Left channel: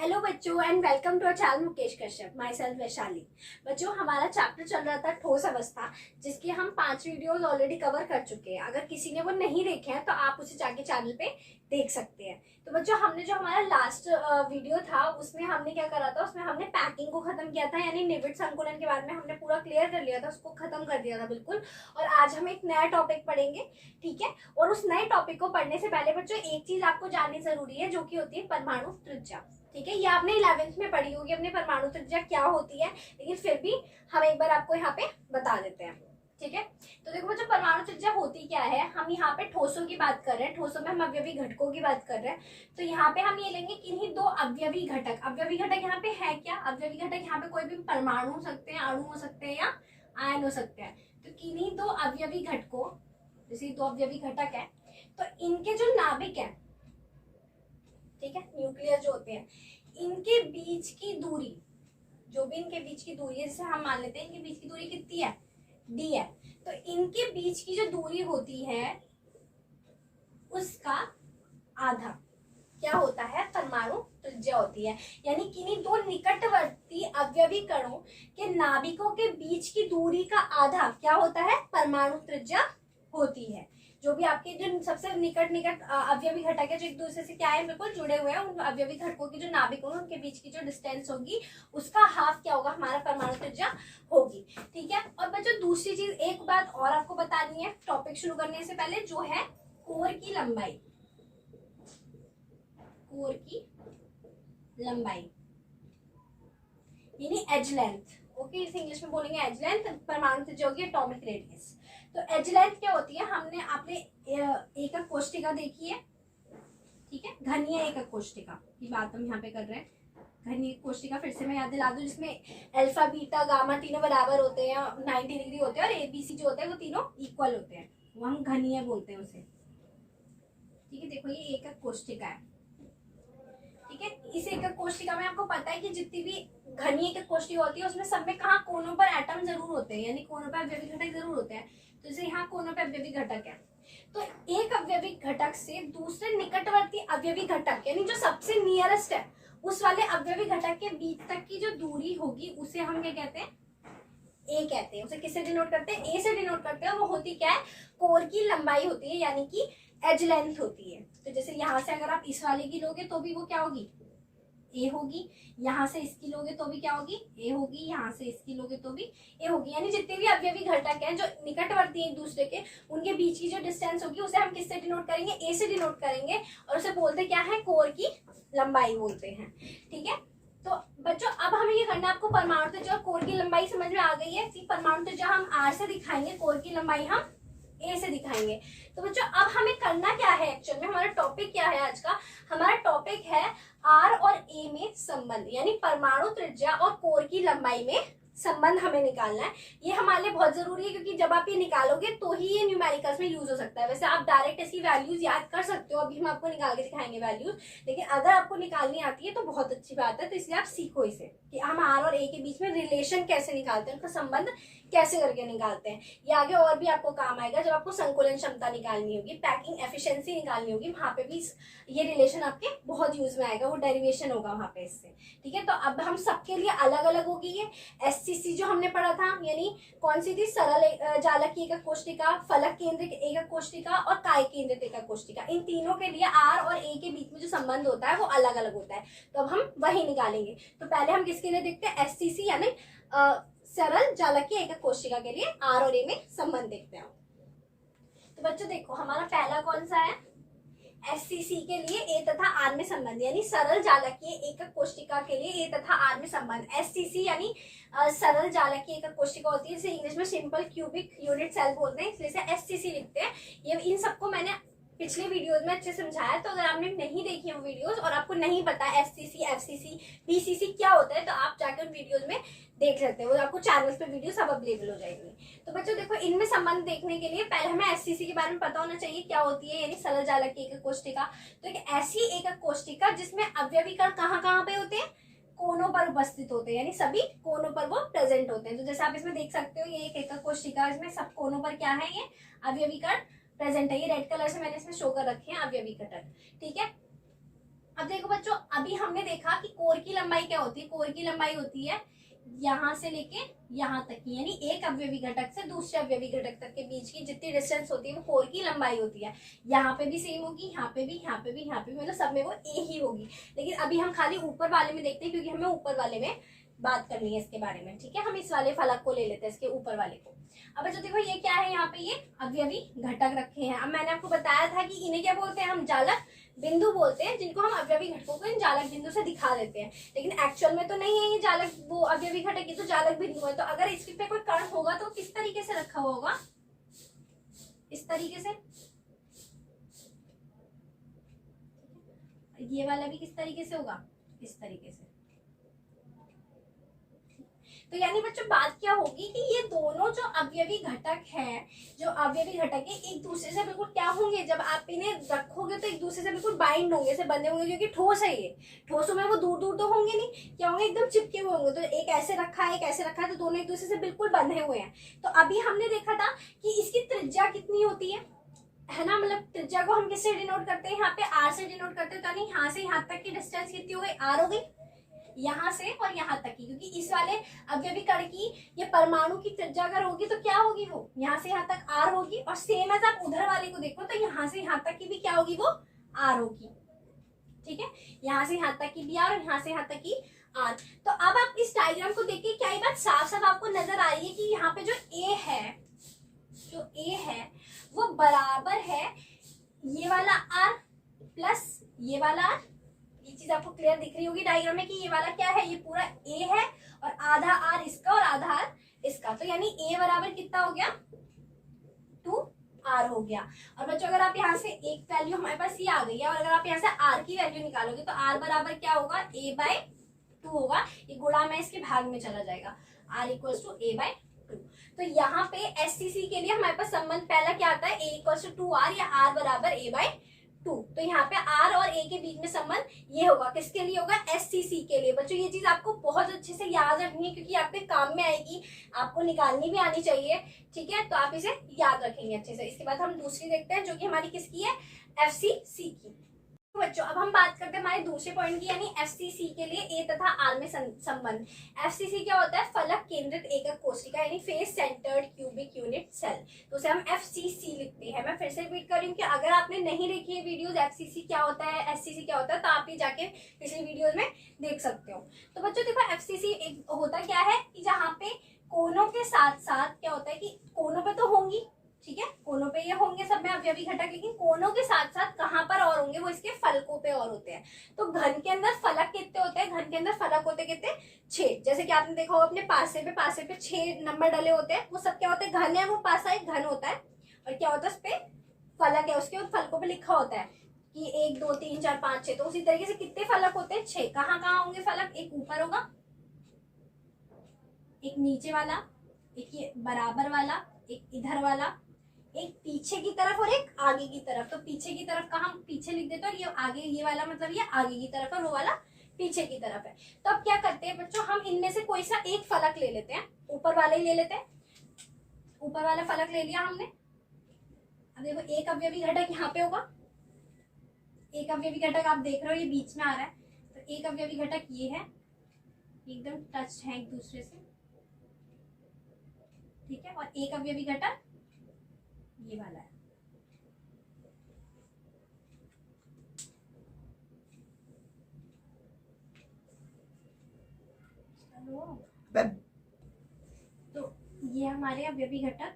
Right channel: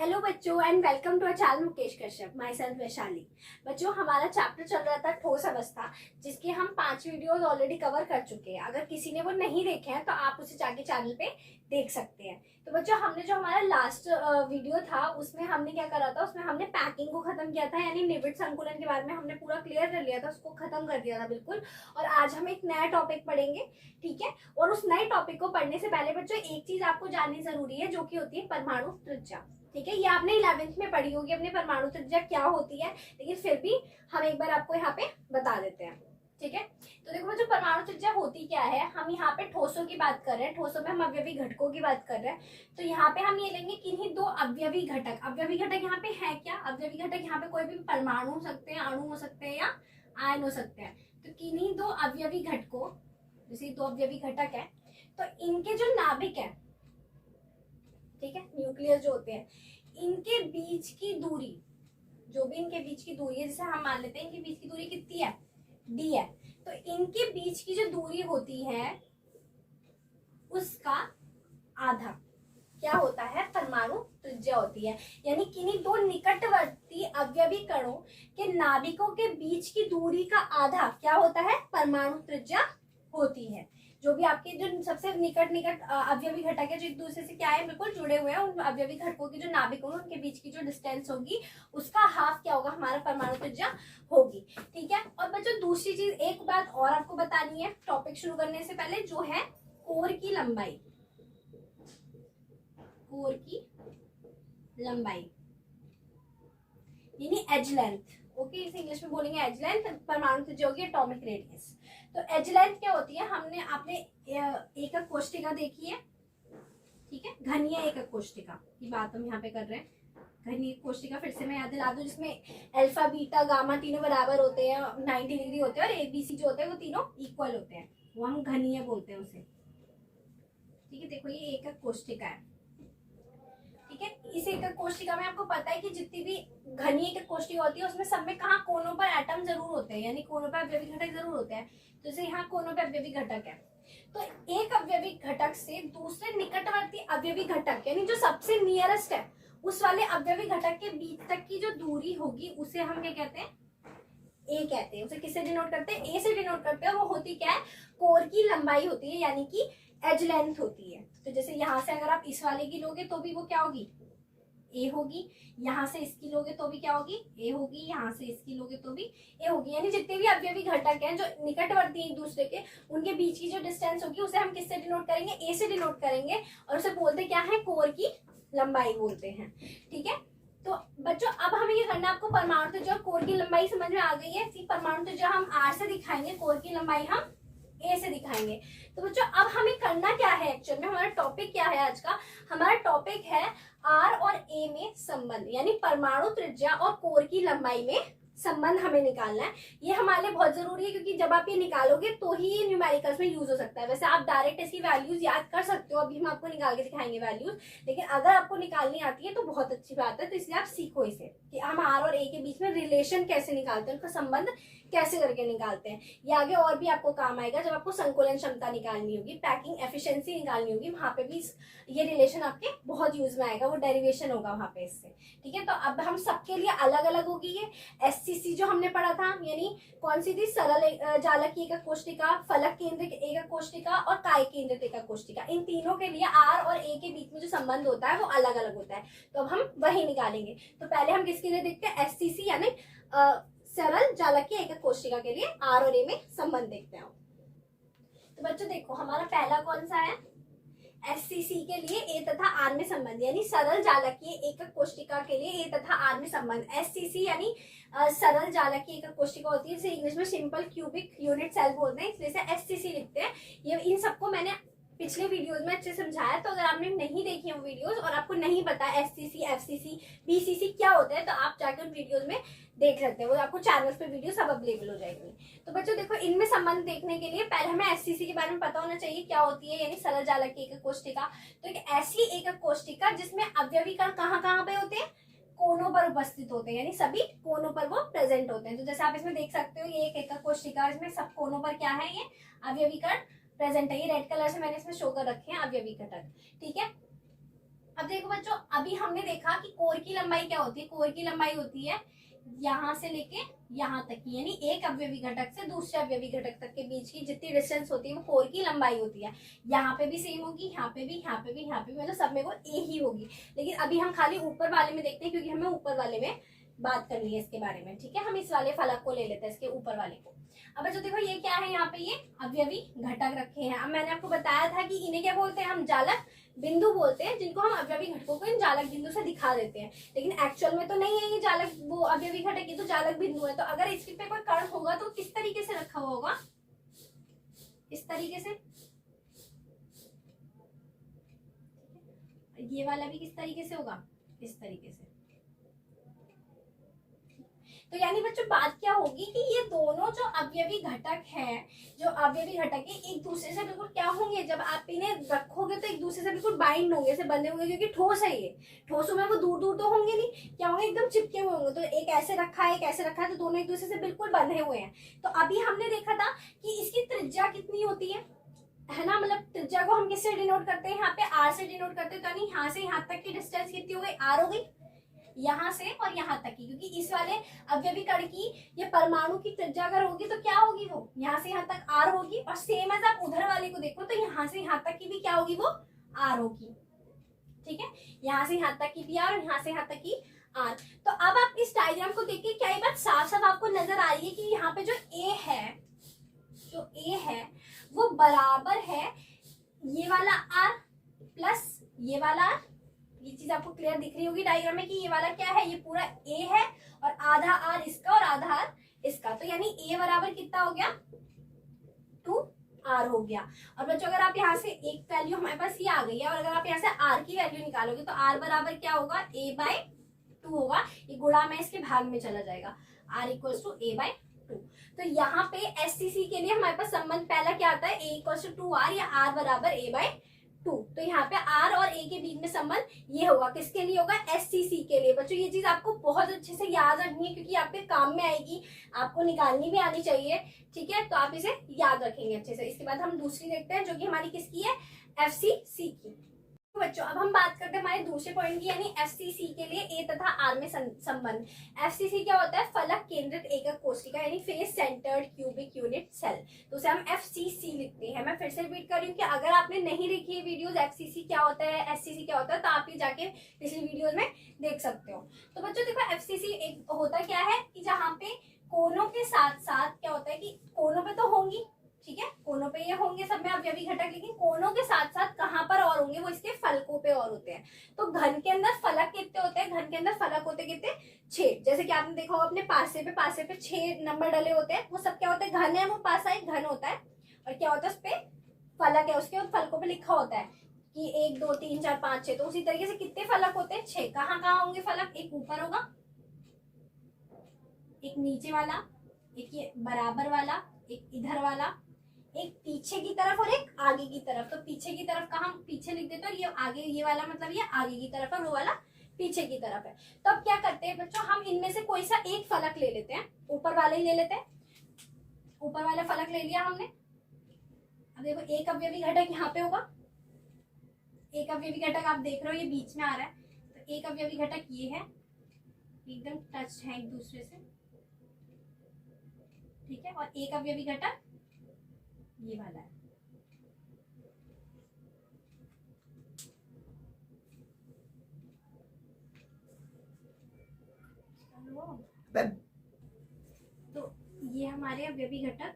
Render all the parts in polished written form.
Hello बच्चों and welcome to our channel Mukesh Kashyap myself Vaishali. बच्चों हमारा चैप्टर चल रहा था ठोस अवस्था, जिसके हम 5 वीडियोस ऑलरेडी कवर कर चुके हैं। अगर किसी ने वो नहीं देखे हैं तो आप उसे जाके चैनल पे देख सकते हैं। तो बच्चों हमने जो हमारा लास्ट वीडियो था उसमें हमने क्या करा था, उसमें हमने पैकिंग को खत्म किया था, यानी निविड संकुलन के बारे में हमने पूरा क्लियर कर लिया था, उसको खत्म कर दिया था बिल्कुल। और आज हम एक नया टॉपिक पढ़ेंगे, ठीक है। और उस नए टॉपिक को पढ़ने से पहले बच्चों एक चीज आपको जाननी जरूरी है, जो कि होती है परमाणु त्रिज्या। ठीक है, ये आपने 11th में पढ़ी होगी अपने परमाणु त्रिज्या क्या होती है, लेकिन फिर भी हम एक बार आपको यहाँ पे बता देते हैं, ठीक है। तो देखो जो परमाणु त्रिज्या होती क्या है, हम यहाँ पे ठोसों की बात कर रहे हैं, ठोसों में हम अवयवी घटकों की बात कर रहे हैं। तो यहाँ पे हम ये लेंगे किन्हीं 2 अवयवी घटक। अवयवी घटक यहाँ पे है क्या, अवयवी घटक यहाँ पे कोई भी परमाणु हो सकते हैं, अणु हो सकते हैं या आयन हो सकते हैं। तो किन्हीं 2 अवयवी घटकों, जैसे 2 अवयवी घटक है, तो इनके जो नाभिक है, ठीक है, न्यूक्लियस जो होते हैं, इनके बीच की दूरी, जो भी इनके बीच की दूरी है, जैसे हम मान लेते हैं इनके बीच की दूरी कितनी है, डी है। तो इनके बीच की जो दूरी होती है उसका आधा क्या होता है, परमाणु त्रिज्या होती है। यानी किन्हीं 2 निकटवर्ती अवयवी कणों के नाभिकों के बीच की दूरी का आधा क्या होता है, परमाणु त्रिज्या होती है। जो भी आपके जो सबसे निकट अवयवी घटक है, जो एक दूसरे से क्या है, बिल्कुल जुड़े हुए हैं, उन अवयवी घटकों की जो नाभिक होंगे उनके बीच की जो डिस्टेंस होगी उसका हाफ क्या होगा, हमारा परमाणु त्रिज्या होगी, ठीक है। और बच्चों दूसरी चीज एक बात और आपको बतानी है टॉपिक शुरू करने से पहले, जो है कोर की लंबाई। कोर की लंबाई यानी एज लेंथ, ओके, इसे इंग्लिश में बोलेंगे एज लेंथ। परमाणु त्रिज्या होगी एटॉमिक रेडियस। तो एज लेंथ क्या होती है, हमने आपने एकक कोष्टिका देखी है, ठीक है, घनीय एकक कोष्टिका की बात हम यहाँ पे कर रहे हैं। घनीय कोष्टिका फिर से मैं याद दिला दूं, जिसमें अल्फा बीटा गामा तीनों बराबर होते हैं, 90 डिग्री होते हैं, और एबीसी जो होते हैं वो तीनों इक्वल होते हैं, वो हम घनीय बोलते हैं उसे, ठीक है। देखो ये एकक कोष्टिका है, ठीक है। इस एकक कोष्टिका में आपको पता है कि जितनी भी घनी एकक कोष्टिका होती है उसमें सब में कहाँ कोनों पर एटम जरूर होते हैं, यानी कोनों पर अवयवी घटक जरूर होते हैं। तो जैसे यहाँ कोनों पर अवयवी घटक है, तो एक अवयवी घटक से दूसरे निकटवर्ती अवयवी घटक, यानी जो सबसे नियरेस्ट है उस वाले अवयवी घटक के बीच तक की जो दूरी होगी उसे हम क्या कहते हैं, ए कहते हैं। उसे किससे डिनोट करते हैं, ए से डिनोट करते हैं। वो होती क्या है, कोर की लंबाई होती है, यानी कि एज लेंथ होती है। तो जैसे यहाँ से अगर आप इस वाले की लोगे तो भी वो क्या होगी, ए होगी। यहाँ से इसकी लोगे तो भी क्या होगी, ए होगी। यहाँ से इसकी लोगे तो भी ए होगी। यानी जितने भी अवयवी घटक हैं जो निकटवर्ती हैं एक दूसरे के, उनके बीच की जो डिस्टेंस होगी उसे हम किससे डिनोट करेंगे, ए से डिनोट करेंगे, और उसे बोलते क्या है, कोर की लंबाई बोलते हैं, ठीक है। तो बच्चों अब हमें ये करना, आपको परमाणु त्रिज्या और कोर की लंबाई समझ में आ गई है। परमाणु त्रिज्या हम आर से दिखाएंगे, कोर की लंबाई हम ए से दिखाएंगे। तो बच्चों अब हमें करना क्या है, एक्चुअल में हमारा टॉपिक क्या है आज का, हमारा टॉपिक है आर और ए में संबंध, यानी परमाणु त्रिज्या और कोर की लंबाई में संबंध हमें निकालना है। ये हमारे लिए बहुत जरूरी है, क्योंकि जब आप ये निकालोगे तो ही ये न्यूमेरिकल्स में यूज हो सकता है। वैसे आप डायरेक्ट इसकी वैल्यूज याद कर सकते हो, अभी हम आपको निकाल के दिखाएंगे वैल्यूज, लेकिन अगर आपको निकालनी आती है तो बहुत अच्छी बात है। तो इसलिए आप सीखो इसे कि हम आर और ए के बीच में रिलेशन कैसे निकालते हैं, उनका संबंध कैसे करके निकालते हैं। ये आगे और भी आपको काम आएगा जब आपको संकुलन क्षमता निकालनी होगी, पैकिंग एफिशिएंसी निकालनी होगी, वहां पे भी ये रिलेशन आपके बहुत यूज में आएगा, वो डेरिवेशन होगा वहां पे इससे, ठीक है। तो अब हम सबके लिए अलग अलग होगी ये एससीसी जो हमने पढ़ा था, यानी कौन सी थी, सरल जालक एकक कोष्टिका, फलक केंद्रित एकक कोष्टिका और काय केंद्रित एकक कोष्टिका। इन तीनों के लिए आर और ए के बीच में जो संबंध होता है वो अलग अलग होता है। तो अब हम वही निकालेंगे। तो पहले हम किसके लिए देखते हैं, एससीसी यानी सरल जालकीय एकक कोशिका के लिए आर और ए में संबंध देखते हैं। तो बच्चों देखो हमारा पहला कौन सा है, एससीसी के लिए ए तथा आर में संबंध, यानी सरल जालकीय एकक कोशिका के लिए ए तथा आर में संबंध। एससीसी यानी सरल जालकीय एकक कोशिका होती है, इसे इंग्लिश में सिंपल क्यूबिक यूनिट सेल बोलते हैं, इसलिए इसे एससीसी लिखते हैं। ये इन सबको मैंने पिछले वीडियोस में अच्छे समझाया, तो अगर आपने नहीं देखी वो वीडियोस और आपको नहीं पता एससीसी, एफसीसी, बीसीसी क्या होता है, तो आप जाकर उन वीडियोस में देख सकते हैं, वो आपको चैनल्स पे वीडियो सब अवेलेबल हो जाएगी। तो बच्चों देखो इनमें संबंध देखने के लिए पहले हमें एससीसी के बारे में पता होना चाहिए क्या होती है, यानी सरल जालकीय एकक कोशिका। तो एक ऐसी एकक कोशिका जिसमें अवयवी कण कहाँ कहाँ पे होते हैं, कोनों पर उपस्थित होते हैं, यानी सभी कोनों पर वो प्रेजेंट होते हैं। तो जैसे आप इसमें देख सकते हो ये एक एकक कोशिका, इसमें सब कोनों पर क्या है, ये अवयवी कण प्रेजेंट है। ये रेड कलर से मैंने इसमें शो कर रखे हैं अवयवी घटक, ठीक है। अब देखो बच्चों, अभी हमने देखा कि कोर की लंबाई क्या होती है। कोर की लंबाई होती है यहाँ से लेके यहाँ तक की, यानी एक अवयवी घटक से दूसरे अवयवी घटक तक के बीच की जितनी डिस्टेंस होती है वो कोर की लंबाई होती है। यहाँ पे भी सेम होगी, यहाँ पे भी, यहाँ पे भी, यहाँ पे भी, मतलब सब में वो ए ही होगी। लेकिन अभी हम खाली ऊपर वाले में देखते हैं क्योंकि हमें ऊपर वाले में बात करनी है इसके बारे में। ठीक है, हम इस वाले फलक को ले लेते हैं, इसके ऊपर वाले को। अब बच्चों देखो ये क्या है, यहाँ पे ये अवयवी घटक रखे हैं। अब मैंने आपको बताया था कि इन्हें क्या बोलते हैं, हम जालक बिंदु बोलते हैं, जिनको हम अवयवी घटकों को इन जालक बिंदु से दिखा देते हैं। लेकिन एक्चुअल में तो नहीं है ये जालक, वो अवयवी घटक, ये तो जालक बिंदु है। तो अगर इसके पे कोई कण होगा तो किस तरीके से रखा हुआ होगा, इस तरीके से। ये वाला भी किस तरीके से होगा, इस तरीके से। तो यानी बच्चों बात क्या होगी कि ये दोनों जो अवयवी घटक है, जो अवयवी घटक है, एक दूसरे से बिल्कुल क्या होंगे, जब आप इन्हें रखोगे तो एक दूसरे से बिल्कुल बाइंड होंगे, से बंधे होंगे, क्योंकि ठोस है ये। ठोसों में वो दूर दूर तो होंगे नहीं, क्या होंगे, एकदम चिपके हुए होंगे। तो एक ऐसे रखा है, एक ऐसे रखा है, तो दोनों एक दूसरे से बिल्कुल बंधे हुए हैं। तो अभी हमने देखा था कि इसकी त्रिज्या कितनी होती है ना, मतलब त्रिज्या को हम किससे डिनोट करते हैं, यहाँ पे आर से डिनोट करते हैं। तो यानी यहाँ से यहाँ तक की डिस्टेंस कितनी हो गई, आर हो गई, यहाँ से और यहाँ तक की। क्योंकि इस वाले अवयवी कण की ये परमाणु की त्रिज्या अगर होगी तो क्या होगी, वो यहाँ से यहाँ तक आर होगी। और सेम एज आप उधर वाले को देखो तो यहाँ से यहाँ तक की भी क्या होगी, वो आर होगी। ठीक है, यहाँ से यहाँ तक की भी आर और यहाँ से यहाँ तक की आर। तो अब आप इस डायग्राम को देखिए, क्या ये बात साफ साफ आपको नजर आ रही है कि यहाँ पे जो ए है, जो ए है वो बराबर है ये वाला आर प्लस ये वाला आर। ये चीज आपको क्लियर दिख रही होगी डायग्राम में कि ये वाला क्या है, ये पूरा ए है और आधा आर इसका और आधा आर इसका। तो यानी ए बराबर कितना हो गया, 2r हो गया। और बच्चों अगर आप यहाँ से एक वैल्यू हमारे पास ये आ गई है, और अगर आप यहाँ से r की वैल्यू निकालोगे तो r बराबर क्या होगा, a/2 होगा। ये गुणा में इसके भाग में चला जाएगा, r = a/2। तो यहाँ पे SCC के लिए हमारे पास संबंध पहला क्या आता है, a = 2r या r बराबर a/2। तो यहाँ पे r और a के बीच में संबंध ये होगा, किसके लिए होगा, SCC के लिए। बच्चों ये चीज आपको बहुत अच्छे से याद रखनी है क्योंकि आपके काम में आएगी, आपको निकालनी भी आनी चाहिए। ठीक है, तो आप इसे याद रखेंगे अच्छे से। इसके बाद हम दूसरी देखते हैं जो कि हमारी किसकी है, FCC की। तो बच्चों अब हम बात करते हैं हमारे दूसरे पॉइंट की, यानी FCC के लिए A तथा R में संबंध। FCC क्या होता है, फलक केंद्रित एकक कोशिका, यानी face centred cubic unit cell. तो उसे हम FCC लिखते हैं। मैं फिर से रिपीट कर रही हूँ कि अगर आपने नहीं देखी है वीडियोस FCC क्या होता है, SCC क्या होता है, तो आप ये जाके पिछली वीडियोस में देख सकते हो। तो बच्चों देखो FCC एक होता क्या है कि जहाँ पे कोनों के साथ साथ क्या होता है कि कोनों पे तो होंगी, ठीक है, कोनों पे ये होंगे सब में अवयवी घटक, लेकिन कोनों के साथ साथ कहाँ पर और होंगे, वो इसके फलकों पे और होते हैं। तो घन के अंदर फलक कितने होते हैं, घन के अंदर फलक होते कितने, 6। जैसे कि आपने देखा होगा अपने पासे पे 6 नंबर डले होते हैं, वो सब क्या होते हैं, घन है, वो पासा एक घन होता है। और क्या होता है, उस पे फलक है, उसके फलकों पे लिखा होता है कि 1 2 3 4 5 6। तो उसी तरीके से कितने फलक होते हैं, 6। कहाँ कहाँ होंगे फलक, एक ऊपर होगा, एक नीचे वाला, एक ये बराबर वाला, एक इधर वाला, एक पीछे की तरफ और एक आगे की तरफ। तो पीछे की तरफ का हम पीछे लिख देते हैं, और ये आगे, ये वाला मतलब ये आगे की तरफ है, वो वाला पीछे की तरफ है। तो अब क्या करते हैं बच्चों, हम इनमें से कोई सा एक फलक ले लेते हैं, ऊपर वाला ही ले लेते हैं। ऊपर वाला फलक ले लिया हमने। अब देखो एक अवयवी घटक यहाँ पे होगा, एक अवयवी घटक आप देख रहे हो ये बीच में आ रहा है। तो एक अवयवी घटक ये है, एकदम टच है एक दूसरे से, ठीक है। और एक अवयवी घटक ये वाला है। तो ये हमारे अवयवी घटक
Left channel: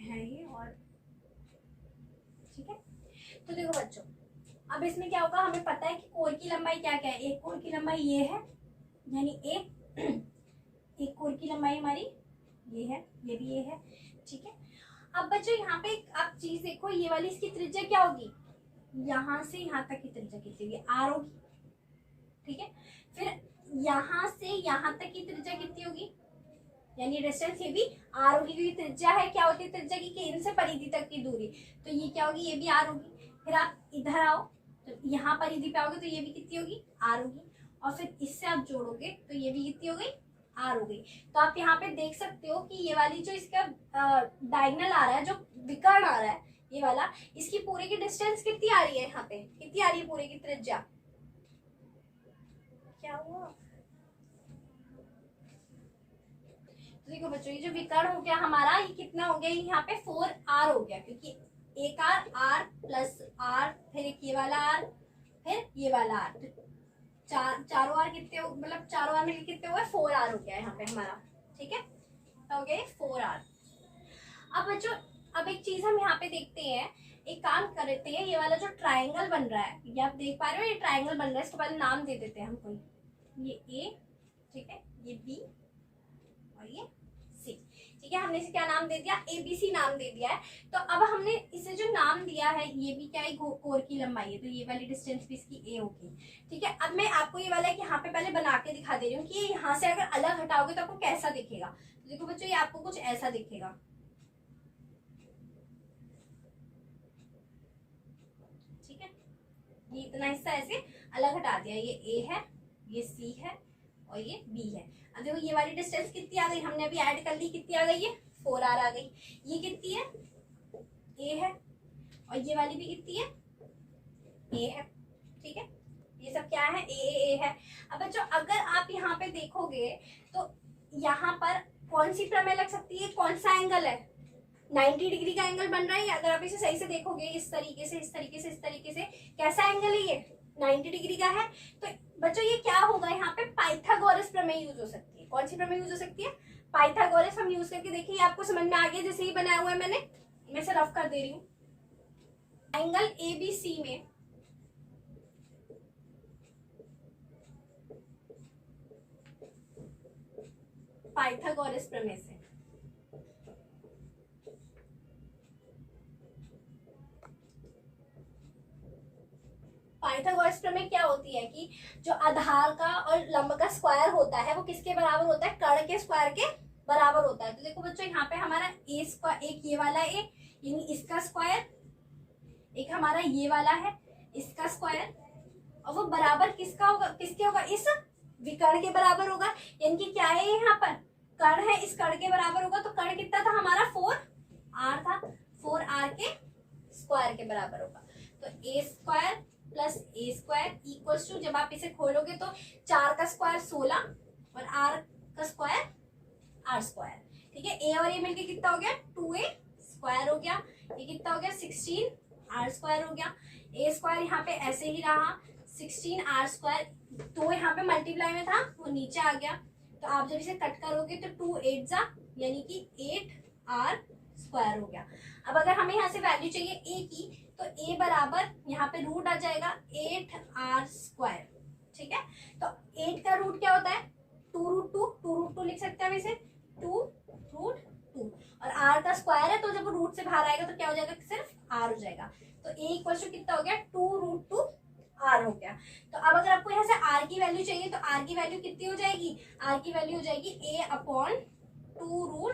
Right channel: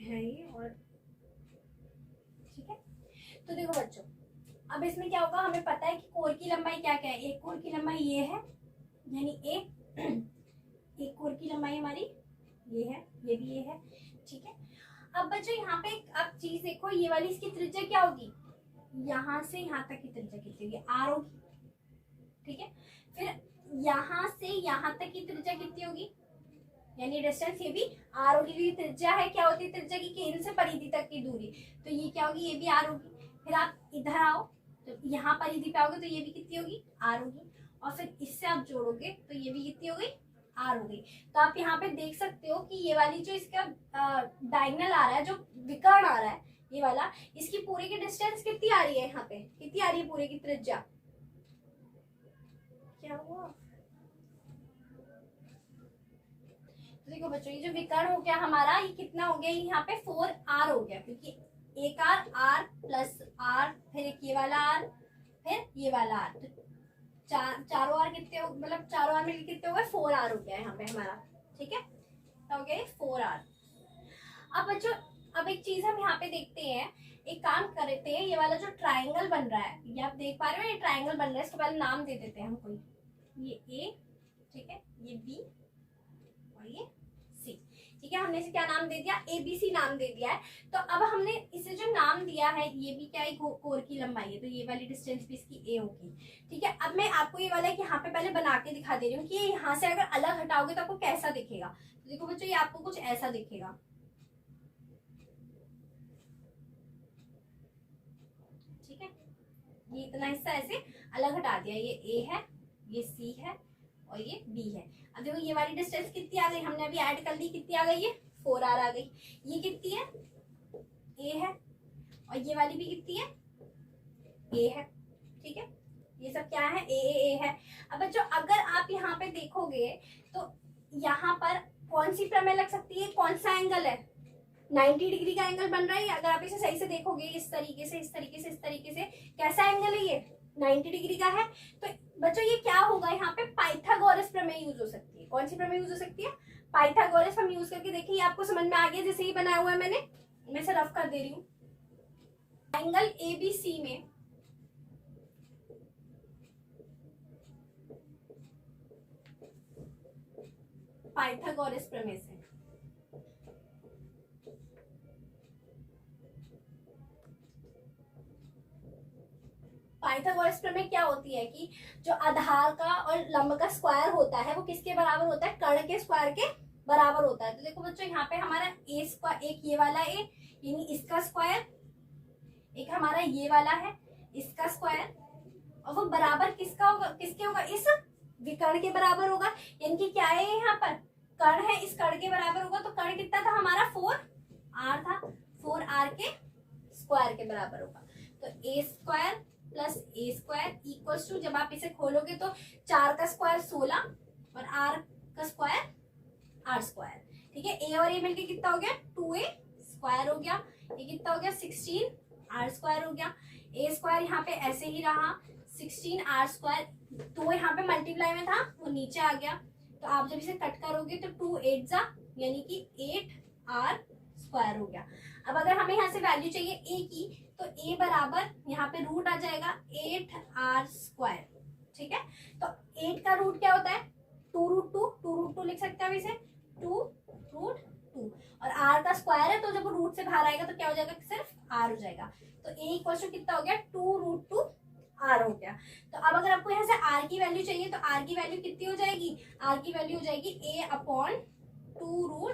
है ये, और ठीक है। तो देखो बच्चों अब इसमें क्या होगा, हमें पता है कि कोर की लंबाई क्या क्या है। एक कोर की लंबाई ये है, यानी एक कोर की लंबाई हमारी ये है, ये भी ये है, ठीक है। अब बच्चों यहाँ पे आप चीज देखो, ये वाली इसकी त्रिज्या क्या होगी, यहाँ से यहाँ तक की त्रिज्या कितनी होगी, r होगी, ठीक है। फिर यहाँ से यहाँ तक की त्रिज्या कितनी होगी, यानी डिस्टेंस ये भी r होगी, क्योंकि त्रिज्या है क्या होती है, त्रिज्या की केंद्र से परिधि तक की दूरी। तो ये क्या होगी, ये भी r होगी। फिर आप इधर आओ तो यहाँ परिधि पे आओगे तो ये भी कितनी होगी, r होगी। और फिर इससे आप जोड़ोगे तो ये भी कितनी हो गई, r हो गई। तो आप यहाँ पे देख सकते हो कि ये वाली जो इसका डायगोनल आ रहा है, जो विकर्ण आ रहा है ये वाला, इसकी पूरे की डिस्टेंस कितनी आ रही है, यहाँ पे कितनी आ रही है पूरे की त्रिज्या, क्या हुआ? तो देखो बच्चों, ये जो विकर्ण हो गया हमारा, ये कितना हो गया, यहाँ पे 4r हो गया, क्योंकि एक r प्लस r, फिर एक ये वाला r, फिर ये वाला r, तो चारों r कितने हो, मतलब चारों r मिलकर कितने हो गए, 4r हो गया यहाँ पे हमारा। ठीक है, तो हो गया 4r। अब बच्चों, अब एक चीज हम यहाँ पे देखते हैं, एक काम करते हैं, ये वाला जो ट्राइंगल बन रहा है, ये आप देख पा रहे हो, ये ट्राइंगल बन रहा है, इसको पहले नाम दे देते हैं हम कोई, ये ए, ठीक है, ये बी और ये सी। ठीक है, हमने इसे क्या नाम दे दिया, ABC नाम दे दिया है। तो अब हमने इसे जो नाम दिया है, ये भी क्या है, कोर की लंबाई है, तो ये वाली डिस्टेंस भी इसकी ए होगी। ठीक है, अब मैं आपको ये वाला यहाँ पे पहले बना के दिखा दे रही हूँ कि यहाँ से अगर अलग हटाओगे तो आपको कैसा दिखेगा। तो देखो बच्चों, ये आपको कुछ ऐसा दिखेगा। ठीक है, ये इतना हिस्सा ऐसे अलग हटा दिया, ये ए है, ये सी है और ये बी है। अब देखो ये वाली डिस्टेंस कितनी आ गई, हमने अभी ऐड कर ली, कितनी आ गई है, 4r आ गई। ये कितनी है, ए है, और ये वाली भी कितनी है, ए है। ठीक है, ये सब क्या है, ए है। अब बच्चों, अगर आप यहाँ पे देखोगे तो यहाँ पर कौन सी प्रमेय लग सकती है, कौन सा एंगल है, 90 डिग्री का एंगल बन रहा है। अगर आप इसे सही से देखोगे, इस तरीके से, इस तरीके से, इस तरीके से, कैसा एंगल है ये, 90 डिग्री का है। तो बच्चों ये क्या होगा, यहाँ पे पाइथागोरस प्रमेय यूज हो सकती है। कौन सी प्रमेय यूज हो सकती है, पाइथागोरस। हम यूज करके देखिए, आपको समझ में आ गया, जैसे ही बनाया हुआ है मैंने, मैं इसे रफ कर दे रही हूँ। एंगल ABC में पाइथागोरस प्रमेय से पाइथागोरस प्रमेय क्या होती है कि जो आधार का और लंब का स्क्वायर होता है वो किसके बराबर होता है, कर्ण के स्क्वायर के बराबर होता है। तो देखो बच्चों, यहाँ पे हमारा ए स्क्वायर, एक ये वाला ए यानी इसका स्क्वायर, एक हमारा ये वाला है इसका स्क्वायर, और वो बराबर किसका होगा, किसके होगा, इस विकर्ण के बराबर होगा। यानी कि क्या है, यहाँ पर कर्ण है, इस कर्ण के बराबर होगा। तो कर्ण कितना था हमारा, 4r था, 4r के स्क्वायर के बराबर होगा। तो A square plus A square equals to, जब आप इसे खोलोगे तो 4 का स्क्वायर 16 और r का स्क्वायर r स्क्वायर। ठीक है, ए और ए मिलके कितना हो गया, 2a स्क्वायर हो गया। ये कितना हो गया, 16 r स्क्वायर हो गया। ए स्क्वायर यहाँ पे ऐसे ही रहा, 16 r स्क्वायर, 2 यहाँ पे मल्टीप्लाई में था, वो नीचे आ गया। तो आप जब इसे कट करोगे तो 2 8 जा, यानी कि 8r स्क्वायर हो गया। अब अगर हमें यहाँ से वैल्यू चाहिए a की, तो a बराबर यहाँ पे रूट आ जाएगा 8r स्क्वायर। ठीक है, तो 8 का रूट क्या होता है, 2√2 लिख सकते हैं हम इसे, 2√2, और r का स्क्वायर है, तो जब रूट से बाहर आएगा तो क्या हो जाएगा, सिर्फ r हो जाएगा। तो a इक्वल टू कितना हो गया, 2√2r हो गया। तो अब अगर आपको यहाँ से r की वैल्यू चाहिए, तो r की वैल्यू कितनी हो जाएगी, r की वैल्यू हो जाएगी a/2√2।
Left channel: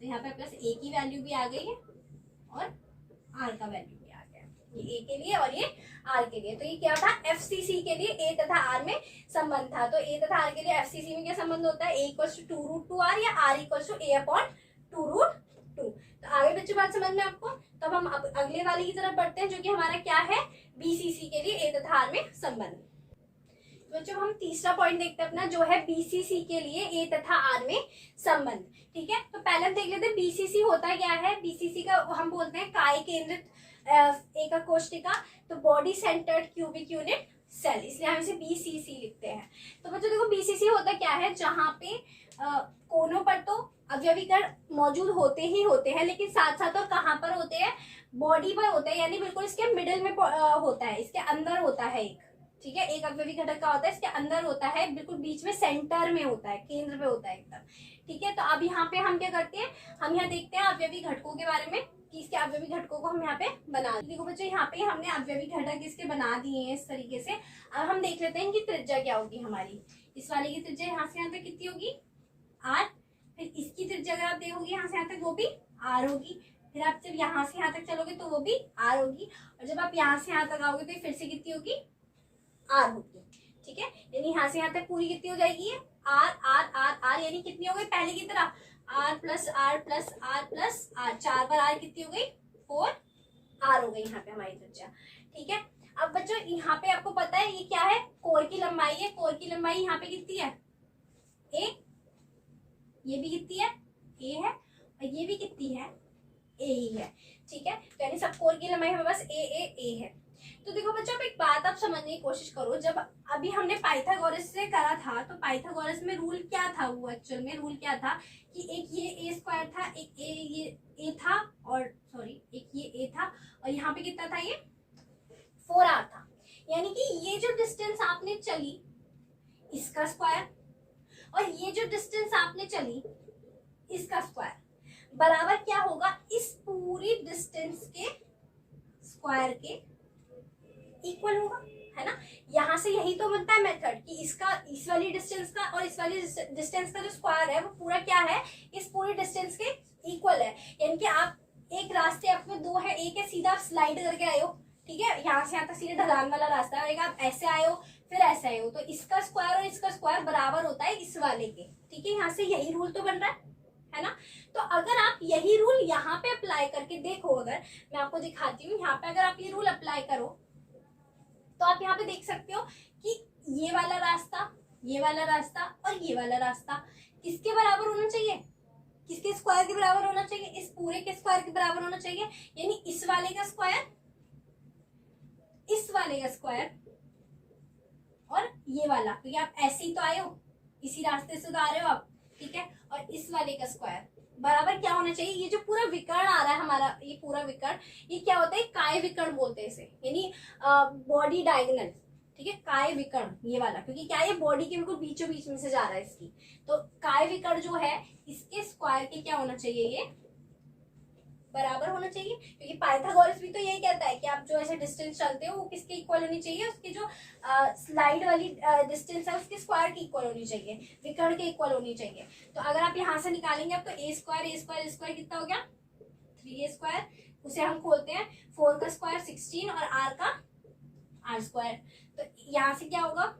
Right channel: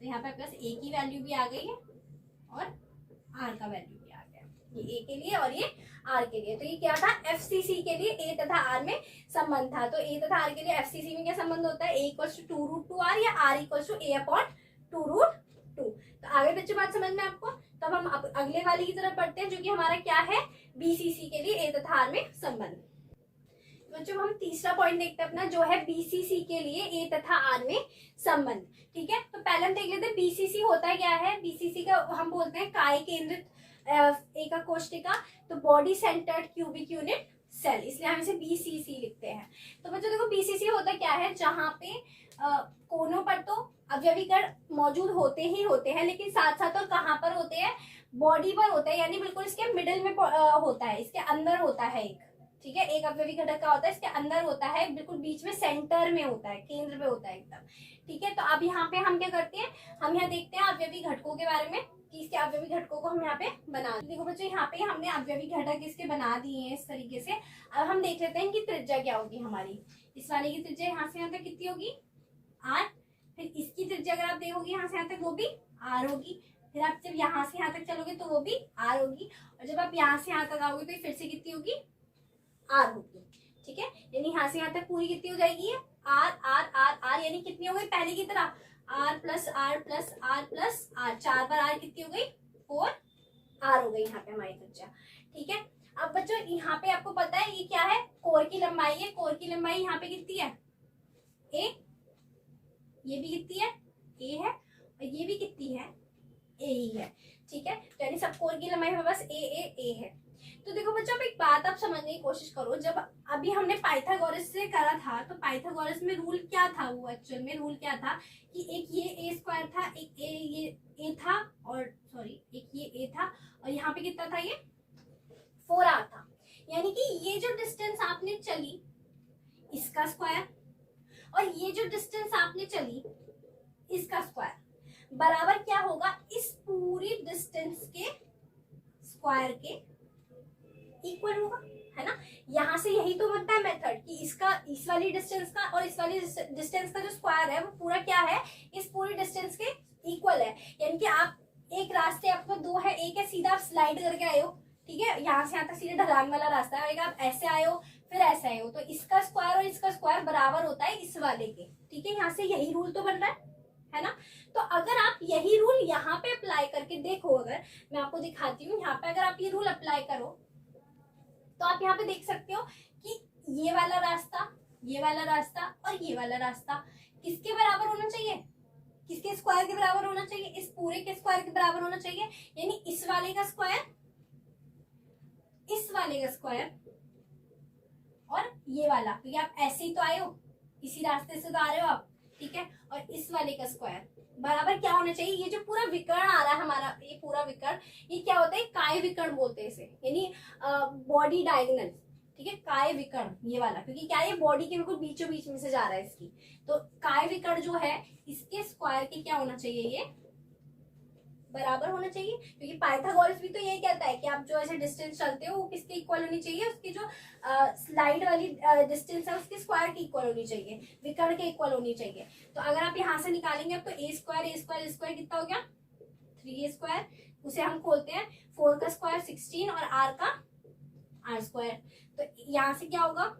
तो यहाँ पे प्लस a की वैल्यू भी आ गई है और r का वैल्यू भी आ गया, ये a के लिए और ये r के लिए। तो ये क्या था, FCC के लिए a तथा r में संबंध था। तो a तथा r के लिए FCC में क्या संबंध होता है, a इक्वल्स टू 2√2r या r इक्वल्स टू a/2√2। तो आगे बच्चों बात समझ में आपको। तब हम अगले वाली की तरफ बढ़ते हैं, जो कि हमारा क्या है, BCC के लिए a तथा r में संबंध। बच्चों हम तीसरा पॉइंट देखते हैं अपना, जो है BCC के लिए a तथा r में संबंध। ठीक है, तो पहले हम देख लेते हैं BCC होता क्या है। BCC का हम बोलते हैं काय केंद्रित एका कोशिका, तो body centred cubic unit cell, इसलिए हम इसे BCC लिखते हैं। तो बच्चों देखो, BCC होता क्या है, जहाँ पे कोनों पर तो अवयवी कण मौजूद होते ही होते हैं, लेकिन साथ साथ और कहाँ पर होते हैं, बॉडी पर होता है, यानी बिल्कुल इसके मिडिल में होता है, इसके अंदर होता है एक। ठीक है, एक अवयवी घटक का होता है, इसके अंदर होता है, बिल्कुल बीच में सेंटर में होता है, केंद्र पे होता है एकदम। ठीक है, तो अब यहाँ पे हम क्या करते हैं, हम यहाँ देखते हैं अवयवी घटकों के बारे में, कि इसके अवयवी घटकों को हम यहाँ पे बना, देखो बच्चों यहाँ पे हमने अवयवी घटक इसके बना दिए हैं इस तरीके से। अब हम देख लेते हैं इनकी त्रिज्या क्या होगी हमारी। इस वाले की त्रिज्या यहाँ से यहाँ तक कितनी होगी, r। फिर इसकी त्रिज्या अगर आप देखोगे यहाँ से यहाँ तक, वो भी r होगी। फिर आप जब यहाँ से यहाँ तक चलोगे तो वो भी r होगी, और जब आप यहाँ से यहाँ तक आओगे तो फिर से कितनी होगी, r होगी। ठीक है, यानी यहाँ से यहाँ तक पूरी कितनी हो जाएगी, r r r r, यानी कितनी हो गई पहले की तरह, r plus r plus r plus r, 4 बार r कितनी हो गई, 4r हो गई यहाँ पे हमारी त्रिज्या। ठीक है, अब बच्चों यहाँ पे आपको पता है ये क्या है, लंबाई है, कोर की लंबाई यहाँ पे कितनी है ए, ये भी कितनी है ए है, और ये भी कितनी है ए ही है, ठीक है। तो यानी सब कोर की लंबाई हमारे पास ए है। तो देखो बच्चों, अब एक बात आप समझने की कोशिश करो, जब अभी हमने पाइथागोरस से करा था तो पाइथागोरस में रूल क्या था, वो एक्चुअल में रूल क्या था कि एक ये ए स्क्वायर था, एक ये ए था, और सॉरी एक ये ए था, और यहाँ पे कितना था ये 4r था। यानी कि ये जो डिस्टेंस आपने चली इसका स्क्वायर, और ये जो डिस्टेंस आपने चली इसका स्क्वायर बराबर क्या होगा, इस पूरी डिस्टेंस के स्क्वायर के इक्वल होगा, है ना। यहाँ से यही तो बनता है मेथड कि इसका इस वाली डिस्टेंस का और इस वाली डिस्टेंस का जो स्क्वायर है वो पूरा क्या है, इस पूरी डिस्टेंस के इक्वल है। यानी कि आप एक रास्ते आपको दो है, एक है सीधा आप स्लाइड करके आए हो, ठीक है, यहाँ से यहाँ तक सीधे ढलान वाला रास्ता है, और एक आप ऐसे आए हो फिर ऐसे आए हो, तो इसका स्क्वायर और इसका स्क्वायर बराबर होता है इस वाले के, ठीक है। यहाँ से यही रूल तो बन रहा है ना। तो अगर आप यही रूल यहाँ पे अप्लाई करके देखो, अगर मैं आपको दिखाती हूँ, यहाँ पे अगर आप ये रूल अप्लाई करो तो आप यहाँ पे देख सकते हो कि ये वाला रास्ता, ये वाला रास्ता और ये वाला रास्ता किसके बराबर होना चाहिए, किसके स्क्वायर के बराबर होना चाहिए, इस पूरे के स्क्वायर के बराबर होना चाहिए। यानी इस वाले का स्क्वायर, इस वाले का स्क्वायर और ये वाला, क्योंकि आप ऐसे ही तो आए हो, इसी रास्ते से तो आ रहे हो आप, ठीक है, और इस वाले का स्क्वायर बराबर क्या होना चाहिए। ये जो पूरा विकर्ण आ रहा है हमारा, ये पूरा विकर्ण, ये क्या होता है, काय विकर्ण बोलते हैं इसे, यानी बॉडी डायगोनल, ठीक है, काय विकर्ण ये वाला, क्योंकि क्या ये बॉडी के बिल्कुल बीचों बीच में से जा रहा है इसकी। तो काय विकर्ण जो है इसके स्क्वायर के क्या होना चाहिए, ये बराबर होना चाहिए, क्योंकि पाइथागोरस भी तो यही कहता है कि आप जो ऐसे डिस्टेंस चलते हो वो किसके इक्वल होनी चाहिए, उसकी जो स्लाइड वाली डिस्टेंस है उसके स्क्वायर की इक्वल होनी चाहिए, विकर्ण के इक्वल होनी चाहिए। तो अगर आप यहाँ से निकालेंगे अब तो ए स्क्वायर कितना हो गया 3a स्क्वायर, उसे हम खोलते हैं, 4 का स्क्वायर 16 और r का r स्क्वायर, तो यहाँ से क्या होगा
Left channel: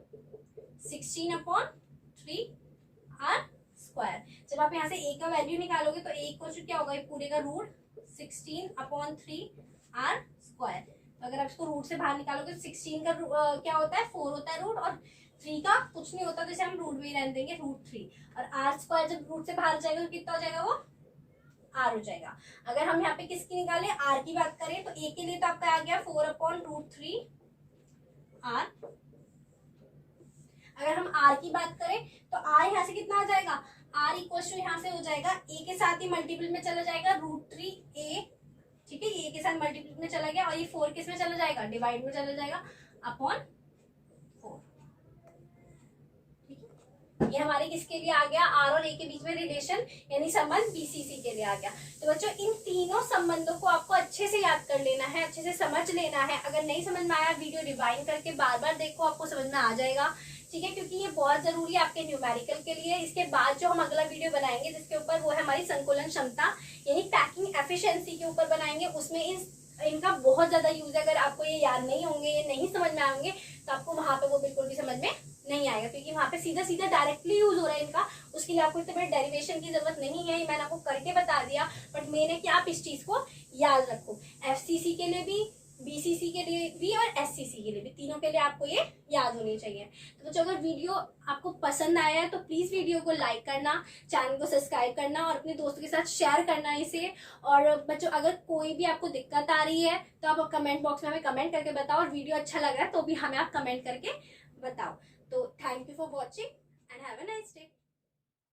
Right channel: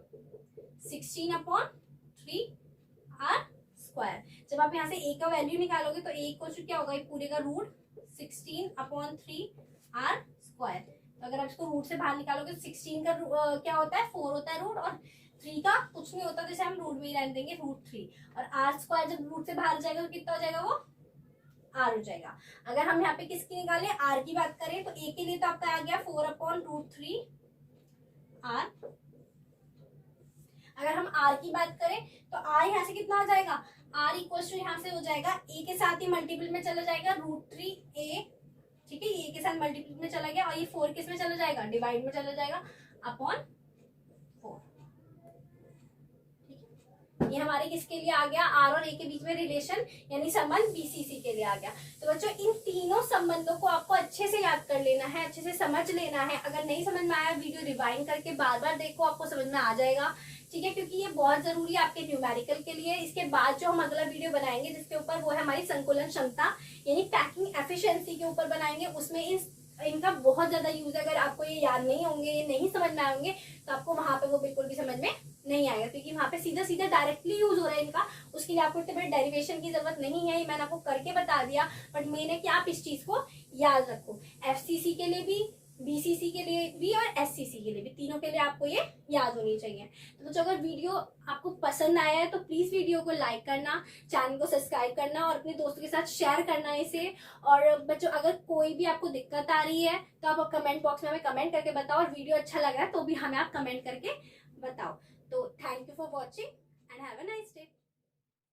16/3r स्क्वायर। जब आप यहाँ से a का वैल्यू निकालोगे तो a को क्या होगा, पूरे का रूट 16/3r स्क्वायर। तो अगर आप इसको रूट से बाहर निकालोगे तो 16 का क्या होता है 4 होता है रूट, और 3 का कुछ नहीं होता, जैसे हम रूट में ही रहने देंगे √3, और r स्क्वायर जब रूट से बाहर जाएगा तो कितना हो जाएगा, वो r हो जाएगा। अगर हम यहाँ पे किसकी निकालें, r की बात करें तो a के लिए तो आपका आ गया 4/√3r। अगर हम r की बात करें तो r यहाँ से कितना आ जाएगा, r इक्वल टू यहाँ से हो जाएगा a के साथ ही मल्टीपल में चला जाएगा √3a, ठीक है, ये के साथ मल्टीपल में चला गया, और ये 4 किस में चला जाएगा, डिवाइड में चला जाएगा अपॉन 4, ठीक है। ये हमारे किसके लिए आ गया, r और a के बीच में रिलेशन यानी संबंध BCC के लिए आ गया। तो बच्चों इन तीनों संबंधों को आपको अच्छे से याद कर लेना है, अच्छे से समझ लेना है। अगर नहीं समझ में आया वीडियो रिवाइंड करके बार बार देखो, आपको समझ में आ जाएगा, ठीक है, क्योंकि ये बहुत जरूरी है आपके न्यूमेरिकल के लिए। इसके बाद जो हम अगला वीडियो बनाएंगे जिसके ऊपर, वो है हमारी संकुलन क्षमता यानी पैकिंग एफिशिएंसी के ऊपर बनाएंगे। उसमें इनका बहुत ज्यादा यूज है। अगर आपको ये याद नहीं होंगे, ये नहीं समझ में आएंगे तो आपको वहां पे वो बिल्कुल भी समझ में नहीं आएगा, क्योंकि वहां पे सीधा सीधा डायरेक्टली यूज हो रहा है इनका। उसके लिए आपको इतने बड़े डेरिवेशन की जरूरत नहीं है, मैंने आपको करके बता दिया, बट मेन है कि आप इस चीज को याद रखो। FCC के लिए भी, BCC के लिए भी और SCC के लिए भी, तीनों के लिए आपको ये याद होनी चाहिए। तो बच्चों अगर वीडियो आपको पसंद आया है तो प्लीज वीडियो को लाइक करना, चैनल को सब्सक्राइब करना और अपने दोस्तों के साथ शेयर करना इसे। और बच्चों अगर कोई भी आपको दिक्कत आ रही है तो आप कमेंट बॉक्स में हमें कमेंट करके बताओ, और वीडियो अच्छा लग रहा है तो भी हमें आप कमेंट करके बताओ। तो thank you for watching and have a nice